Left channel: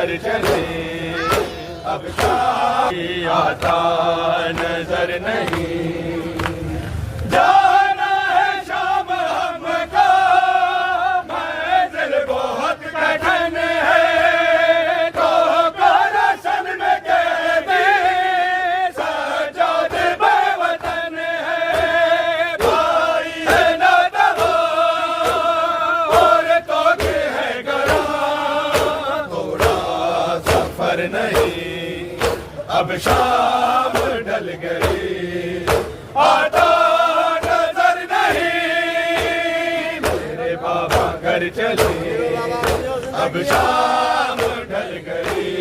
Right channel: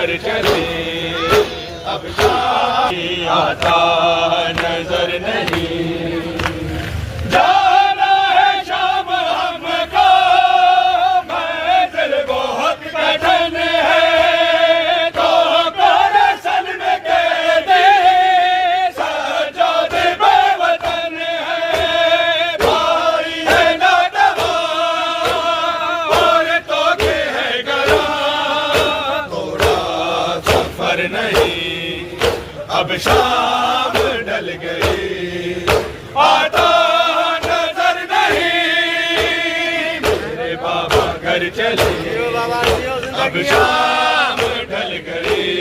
घर चले अब आता नजर नहीं। जाना है शाम हमको मंजिल बहुत कठिन है, तो सन में कह दे सजाद बेवतन है। भाई है ना दवा और तो के है गला, थोड़ा सफर नहीं अब शाम ढल गई आता नजर नहीं। मेरे बाबा घर चले अब शाम ढल गई।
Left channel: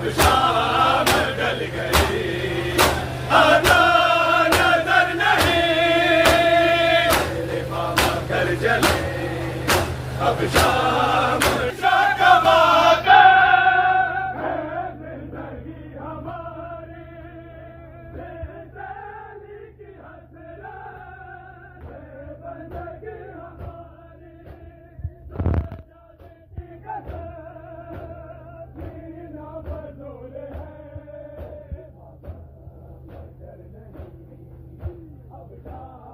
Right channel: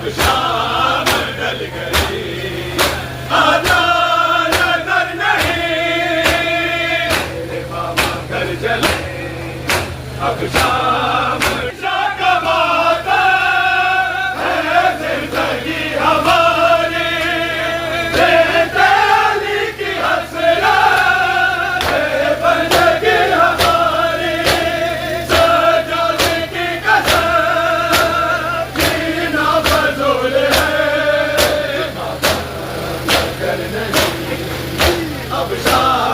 अब शाम ढल गई, आजा नजर नहीं, तेरे मामा घर चले, अब शाम का वादा है जिंदगी हमारी, बेदली की हसरत है बंदगी हमारी, सजाने की कसम जीना फजूल है, कर नहीं अब शाम